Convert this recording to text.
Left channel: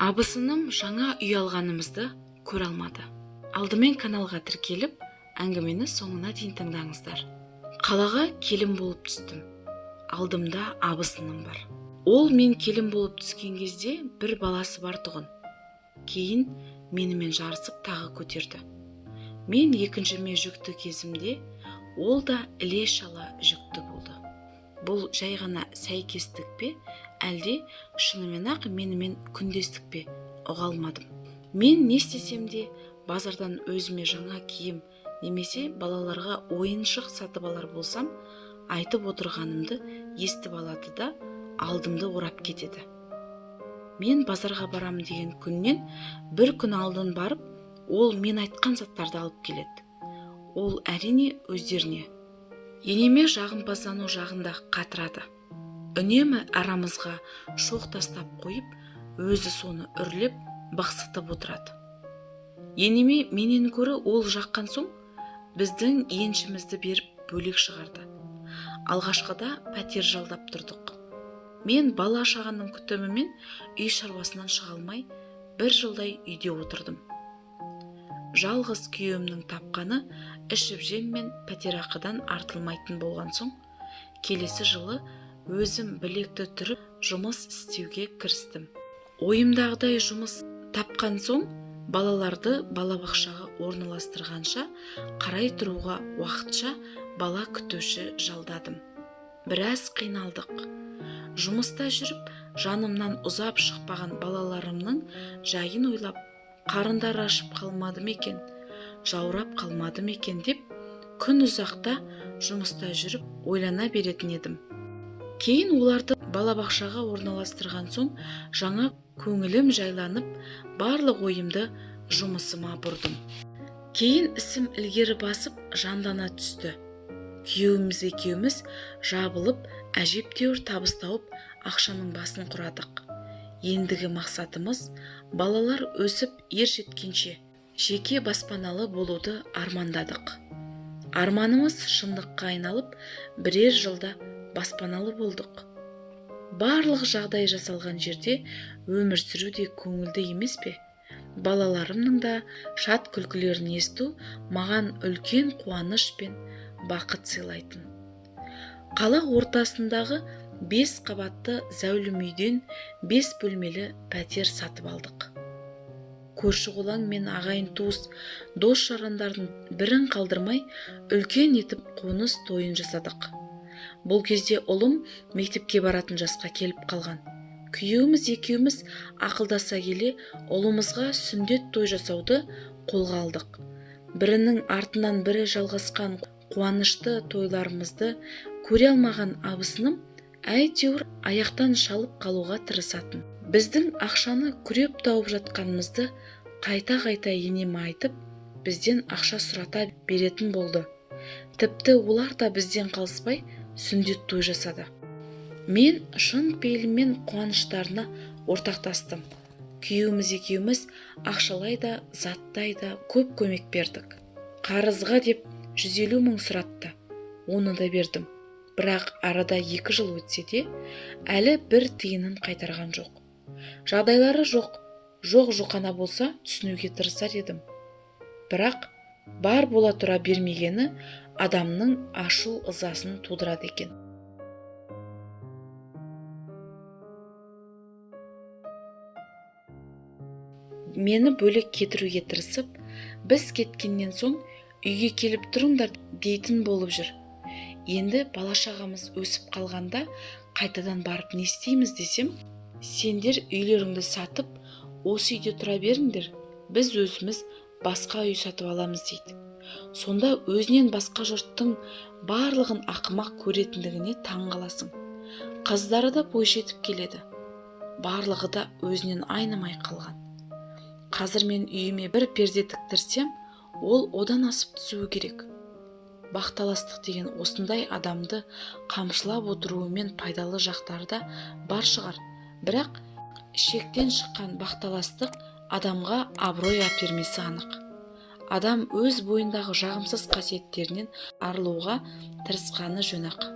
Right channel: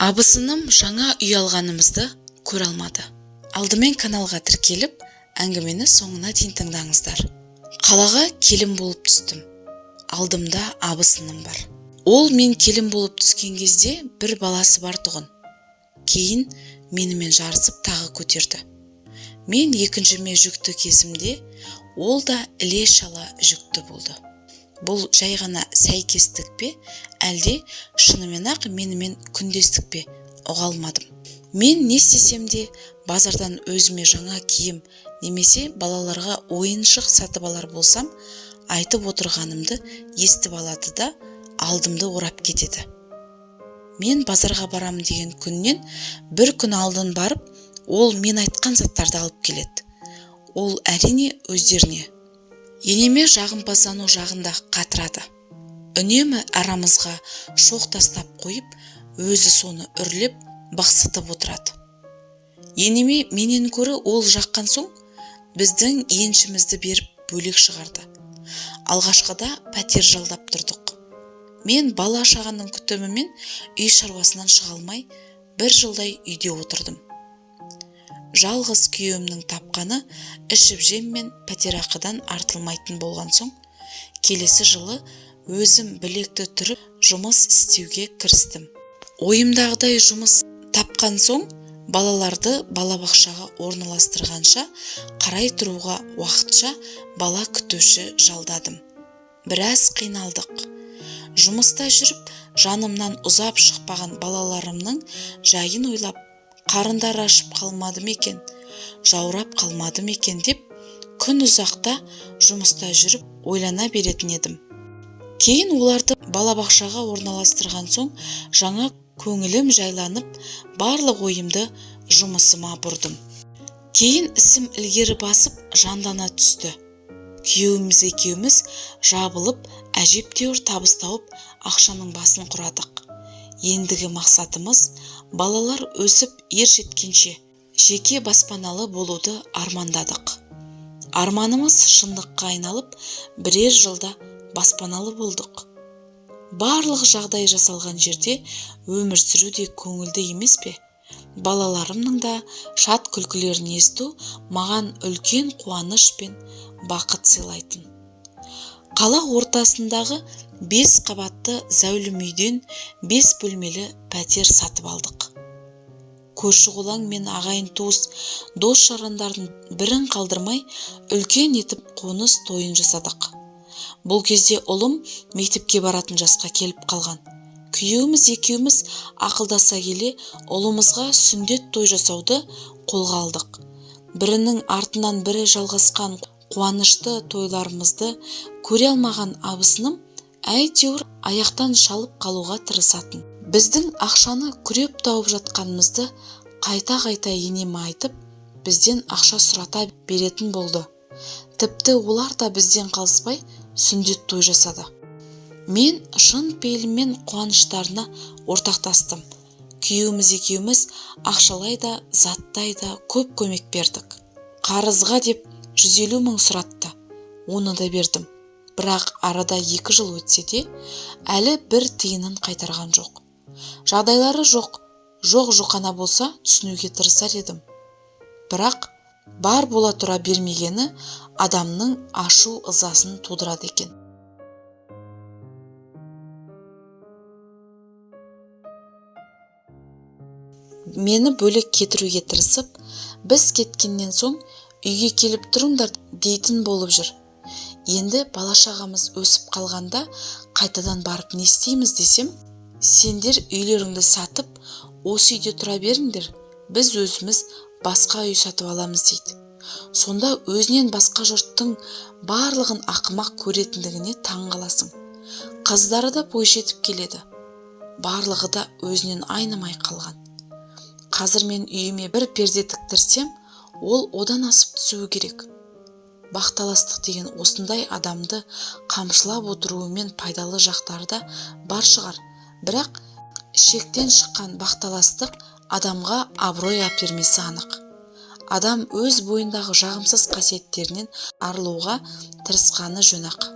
Абысыным жаңа үй алғанымызды көре алмады. Алдымен каналға тіркеліп, әңгімені соңына дейін тыңдаңыздар. Қалаға келін болып түстім. Алдымда абысыным бар. Ол мен келін болып түскен кезде бір баласы бар тұғын. Кейін менімен жарысып тағы көтерді. Мен екіншіме жүкті кезімде, ол да іле-шала жүкті болды. Бұл жай ғана сәйкестік пе, әлде шынымен-ақ менімен күндестік пе, ұға алмадым. Мен не істесем де базардан өзіме жаңа киім немесе балаларға ойыншық сатып алар болсам, айтып отырғанымды естіп алады да алдымды орап кетеді. Мен базарға барамын деген күннен бір күн алдын барып, ол мен айтқан заттарды алып келеді. Ол әрине өздеріне. Енеме жағымпаздану жағында қатырады. Үнемі арамызға шоқ тастап қойып, өзі соны үрлеп, бақсытып отырады. Енеме менен көрі ол жаққан соң, біздің еншімізді беріп бөлек шығарды. Алғашқыда пәтер жалдап тұрдық. Мен бала шағаның күтімімен үй шаруасынан шыға алмай, бір жылдай үйде отырдым. Жалғыз күйеуімнің тапқаны ішіп жем мен пәтерақыдан артылмайтын болған соң, келесі жылы өзім білекті түріп жұмыс істеуге кірістім. Ойымдағыдай жұмыс тапқан соң, балаларды балабақшаға орналастырғанша қарай тұруға уақытша бала күтуші жалдадым. Біраз қиналдық. Жұмыста жүріп, жанымнан ұзап шықпаған балаларымның жайын ойлап, қарындар ашып қалмады екен, жаурап қалмады екен деп, күн ұзақта жұмыста жүріп ойлана беретін едім. Кейін оларды балабақшаға орналастырған соң, жаңа көңілім жайланып, барлық ойымды жұмысыма бұрдым. Кейін ісім ілгері басып, жандана түсті. Күйеуіміз екеуміз жабылып, әжептәуір табыс тауып, ақшаның басын құрадық. Ендігі мақсатымыз балалар өсіп ер жеткенше жеке баспаналы болуды армандадық. Арманымыз шындыққа айналып, бірер жылда баспаналы болдық. Барлық жағдай жасалған жерде өмір сүру де көңілді емес пе? Балаларымның да шат күлкілерін есту маған үлкен қуаныш пен бақыт сыйлайтын. Қала ортасындағы 5 қабатты зәулім үйден 5 бөлмелі пәтер сатып алдық. Көрші-қолаң мен ағайын туыс, дос-жарандардың бірін қалдырмай үлкен етіп қоныс тойын жасадық. Бұл кезде ұлым мектепке баратын жасқа келіп қалған. Күйеуіміз екеуміз ақылдаса келе, ұлымызға сүндет той жасауды қолға алдық. Бірінің артынан бірі жалғасқан қуанышты тойларымызды көре алмаған абысыным әйтеуір аяқтан шалып қалуға тырысатын. Біздің ақшаны күреп тауып жатқанымызды қайта-қайта енеме айтып, бізден ақша сұрата беретін болды. Тіпті олар да бізден қалыспай сүндет той жасады. Мен шын пейілмен қуаныштарына ортақтастым. Күйеуіміз екеуміз ақшалай да, заттай да көп көмек бердік. Қарызға деп 150 мың сұратты. Оны да бердім. Бірақ арада 2 жыл өтсе де, әлі бір тиынын қайтарған жоқ. Жағдайлары жоқ-жоқана болса түсінуге тырысар едім. Бірақ бар бола тұра бермегені адамның ашу ызасын тудырады екен. Мені бөлек кетіруге тырысып, біз кеткеннен соң үйге келіп тұрыңдар дейтін болып жүр. Енді бала-шағамыз өсіп қалғанда қайтадан барып не істейміз десем, сендер үйлеріңді сатып, осы үйде тұра беріңдер, біз өзіміз басқа үй сатып аламыз дейді. Сонда өзінен басқа жұрттың барлығын ақымақ көретіндігіне таң қаласың. Қыздары да бой жетіп келеді. Барлығы да өзінен айнымай қалған. Қазір мен үйіме бір перде тіктірсем, ол одан асып түсуі керек. Бақталастық деген осындай адамды қамшылап отыруымен пайдалы жақтары да бар шығар. Бірақ шектен шыққан бақталастық адамға абырой әпермесі анық. Адам өз бойындағы жағымсыз қасиеттерінен арылуға тырысқаны жөн-ақ.